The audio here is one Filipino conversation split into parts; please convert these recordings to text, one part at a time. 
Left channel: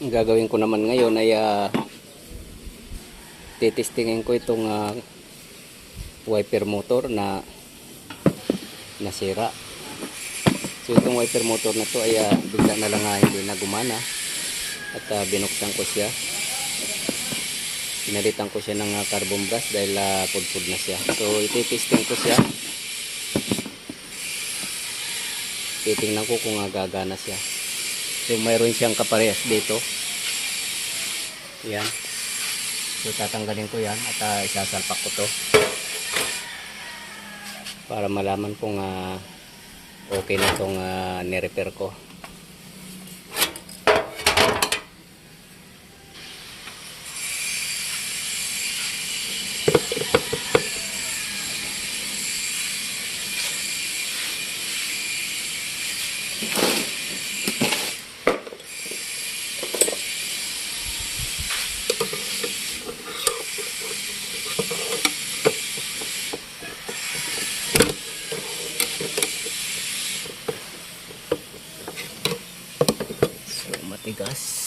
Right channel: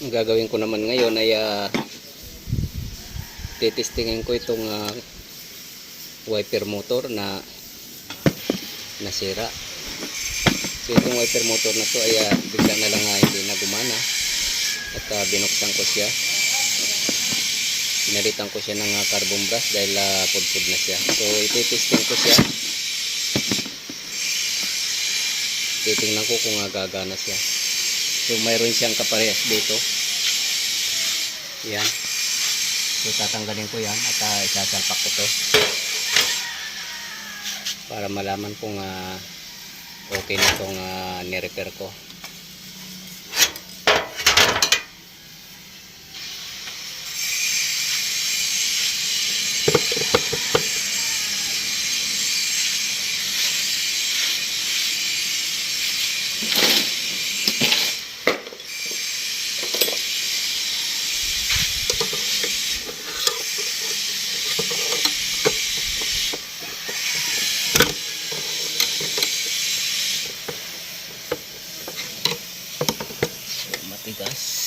Ang gagawin ko naman ngayon ay titestingin ko itong wiper motor na nasira. So itong wiper motor na to ay bigla na lang hindi na gumana at binuksan ko siya. Pinalitan ko siya ng carbon brush dahil pudpud na siya. So ititesting ko siya. Titingnan ko kung gagana siya. So mayroon siyang kaparehas dito. Yan. So tatanggalin ko yan at isasalpak ko to para malaman kung okay na itong ni-repair ko. Matigas.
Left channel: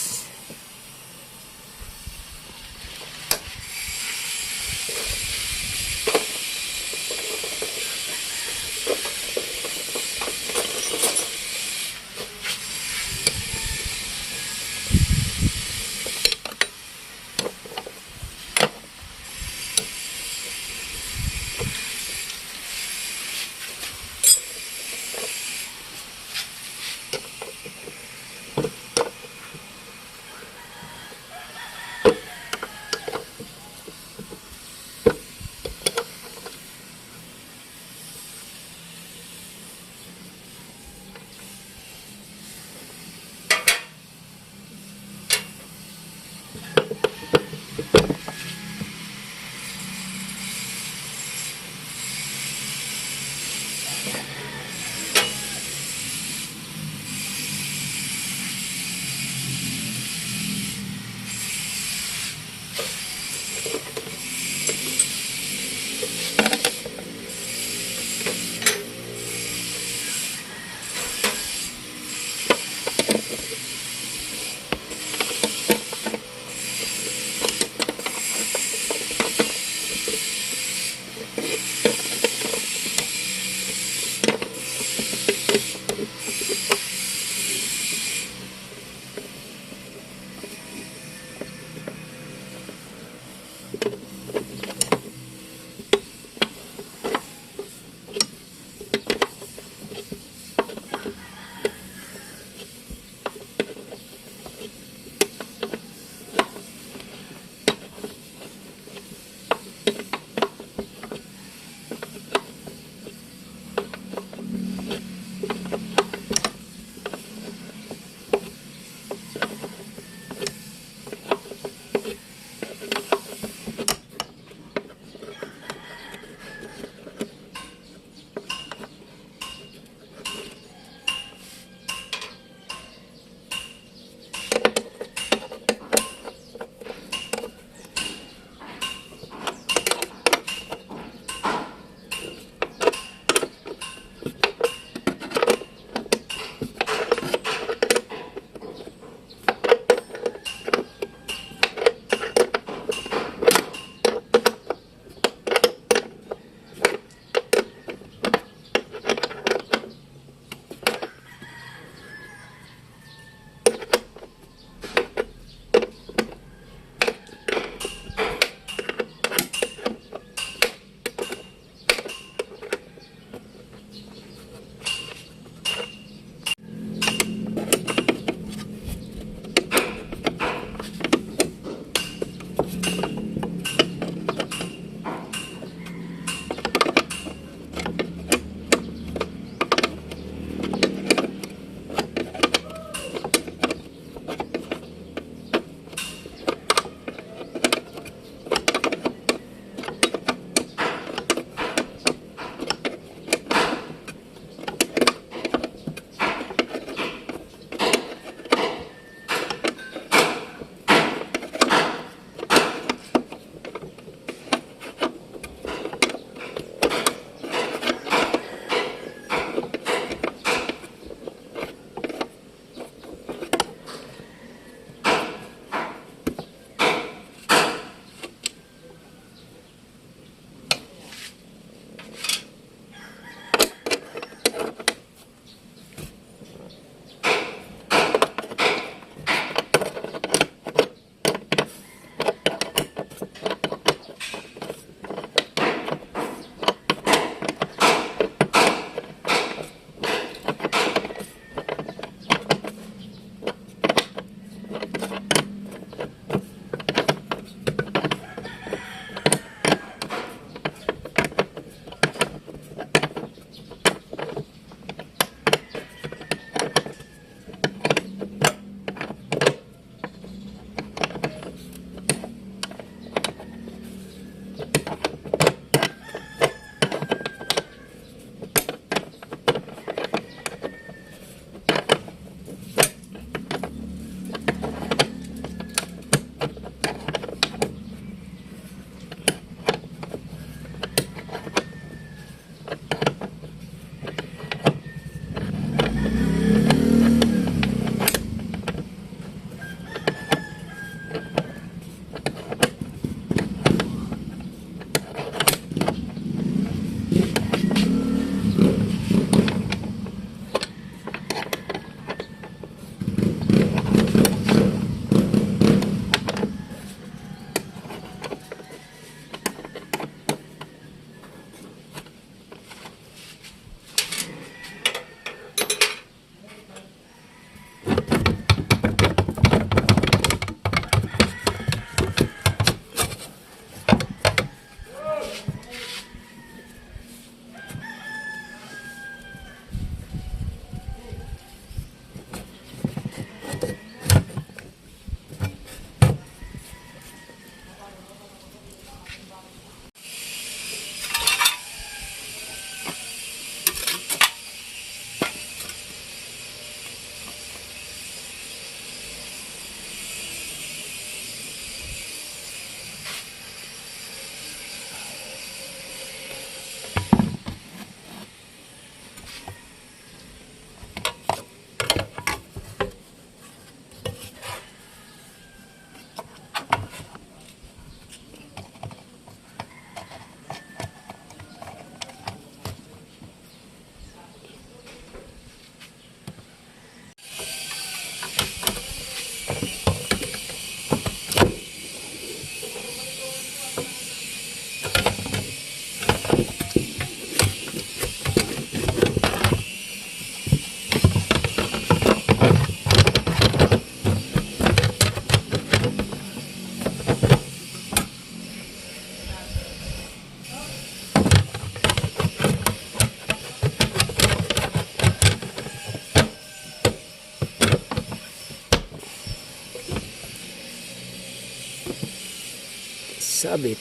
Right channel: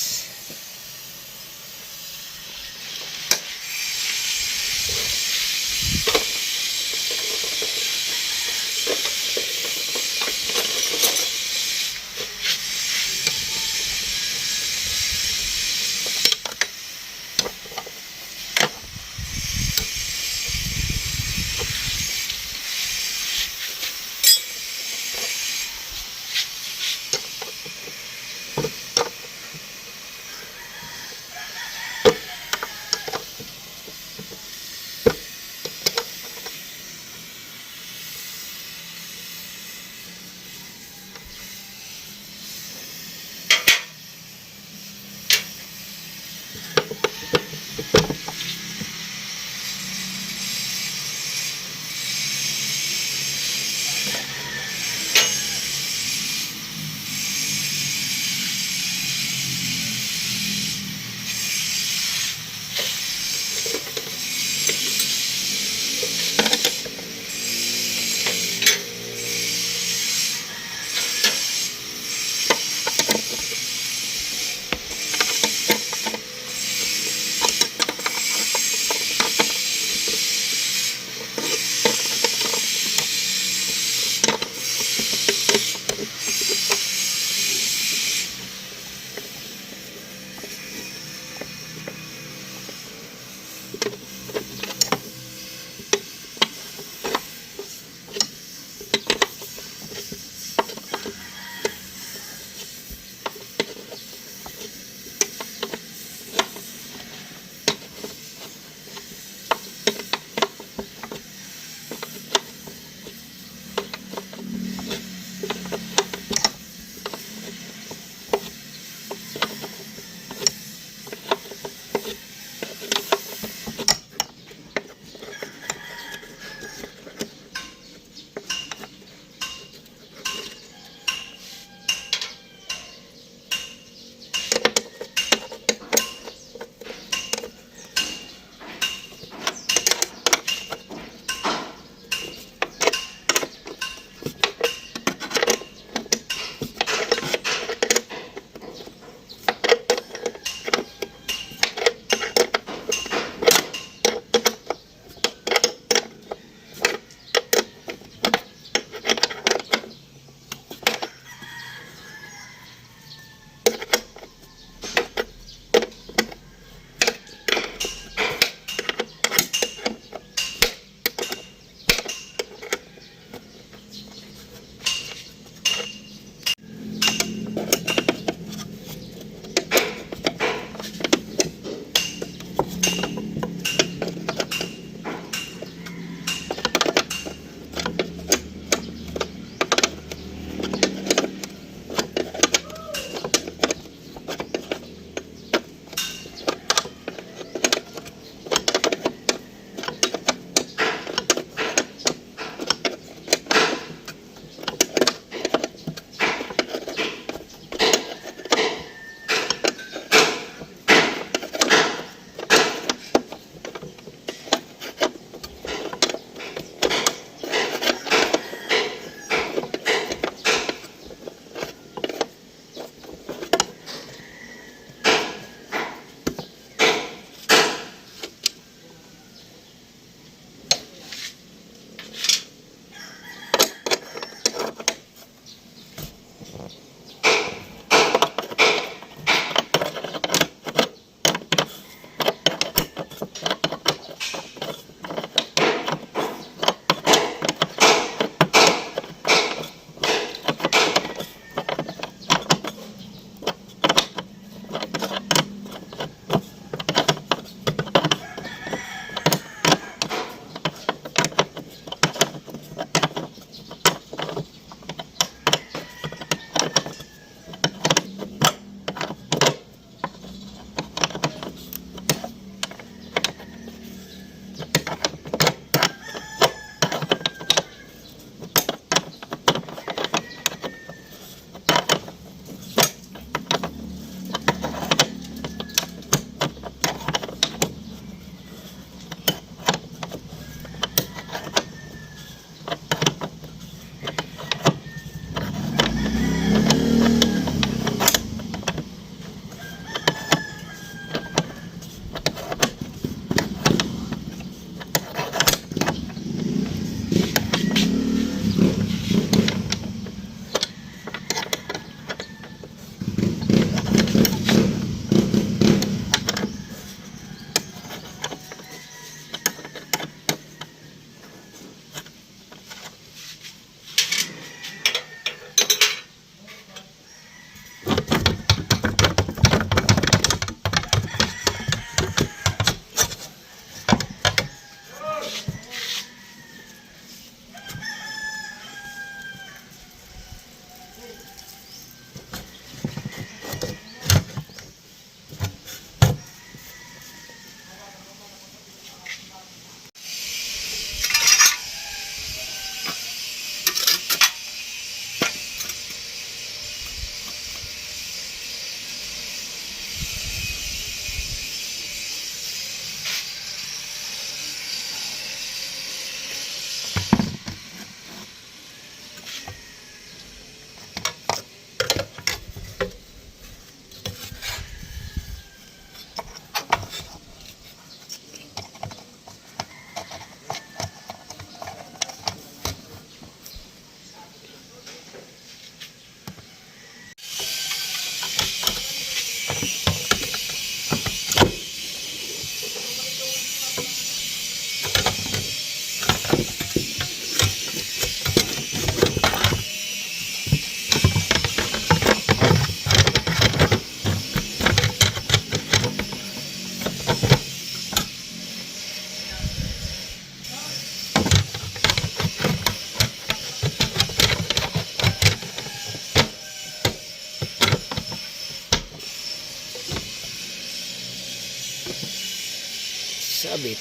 sabit.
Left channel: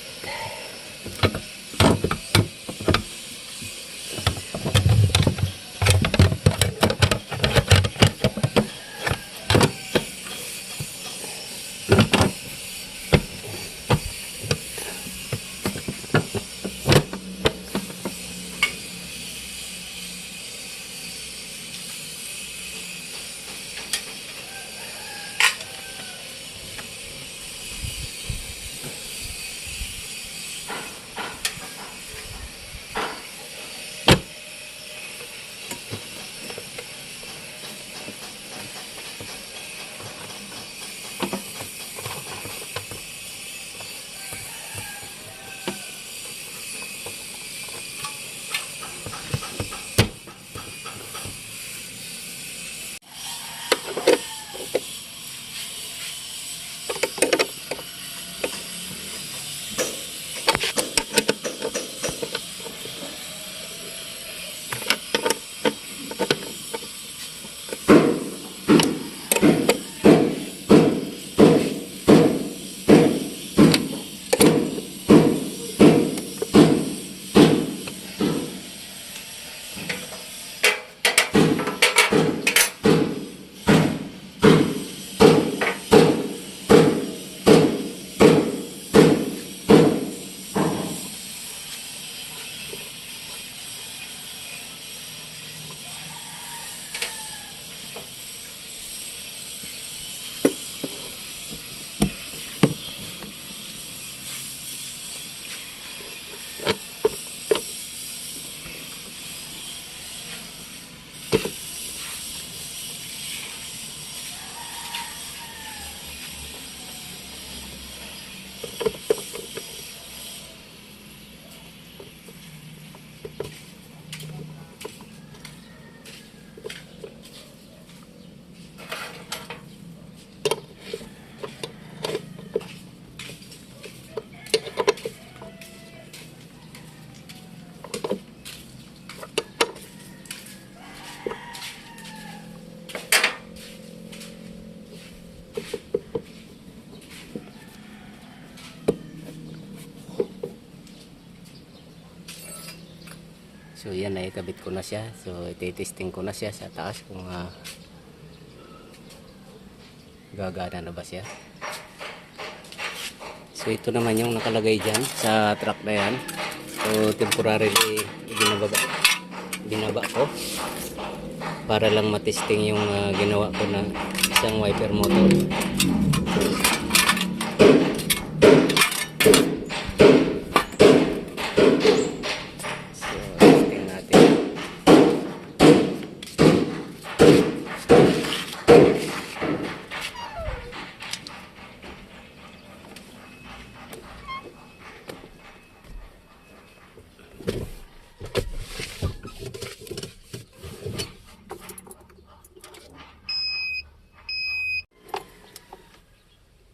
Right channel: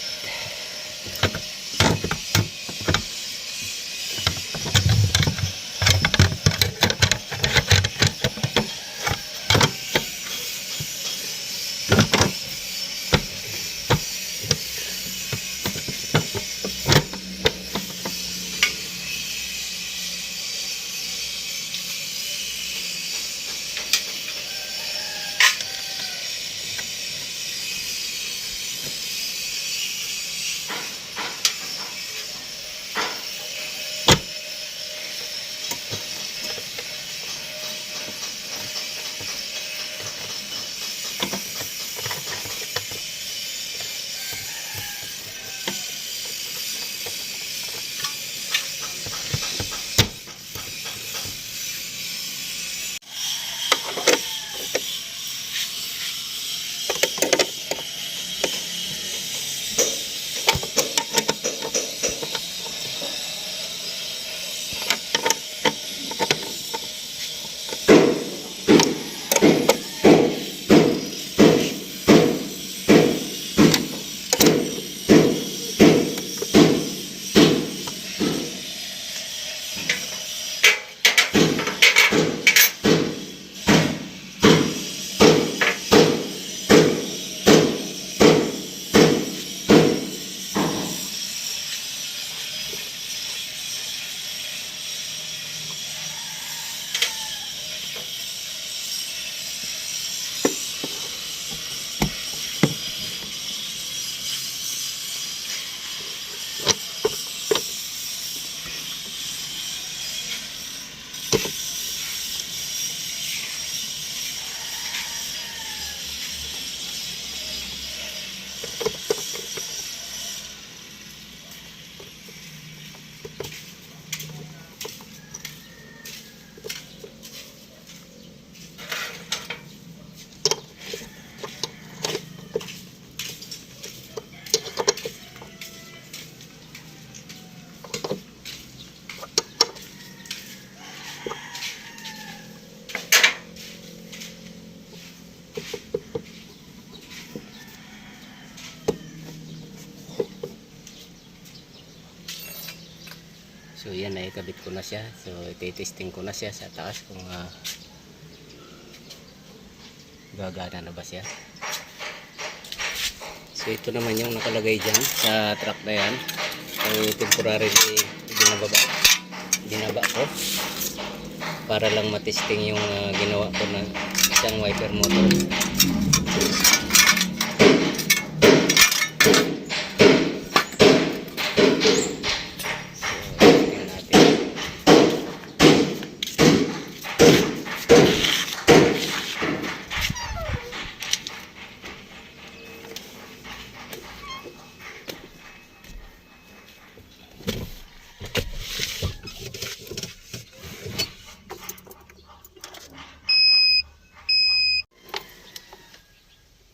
So yan, naikabit ko na siya. So ititesting ko na siya sa taas kung gagana na ba siya. So ito naman yung nakalagay dyan sa truck na yan. So temporary ginaba ko para lang matesting yung ginawa ko na isang wiper motor.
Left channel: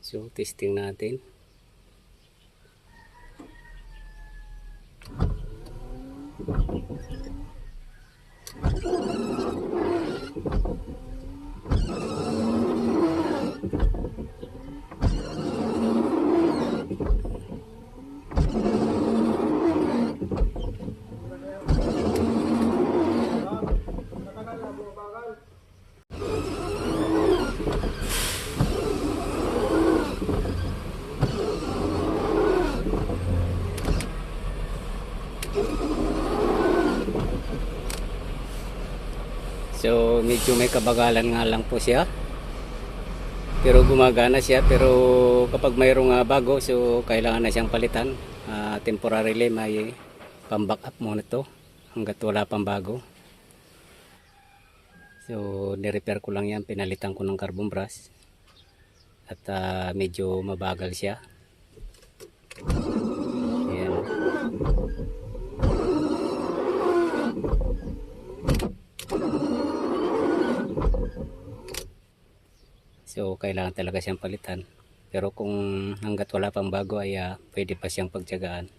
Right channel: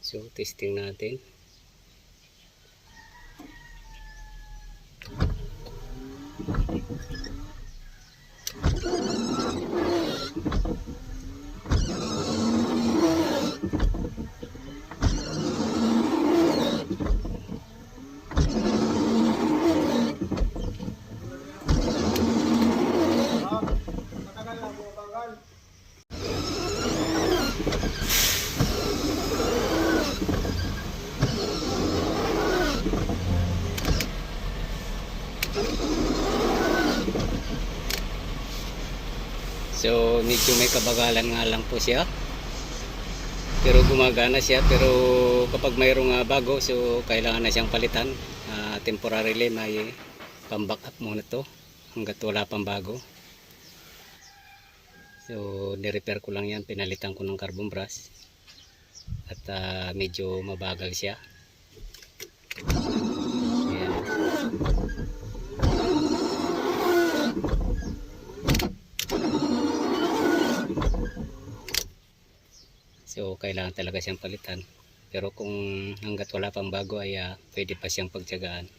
So testing natin. So medyo may kabagalan nga lang po siya, pero gumagana siya. Pero kapag mayroong bago, so kailangan na siyang palitan. Temporarily may pang-back up muna to hanggat wala pang bago. So ni-repair ko lang yan, pinalitan ko ng carbon brush at medyo mabagal siya. Ayan. So kailangan talaga siyang palitan. Pero kung hanggat wala pang bago ay pwede pa siyang pagtiyagaan.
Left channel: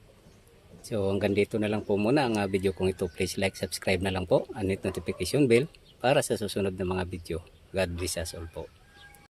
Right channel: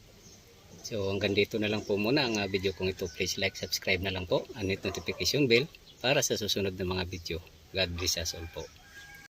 So hanggang dito na lang po muna ang video kong ito. Please like, subscribe na lang po, and hit notification bell para sa susunod na mga video. God bless us all po.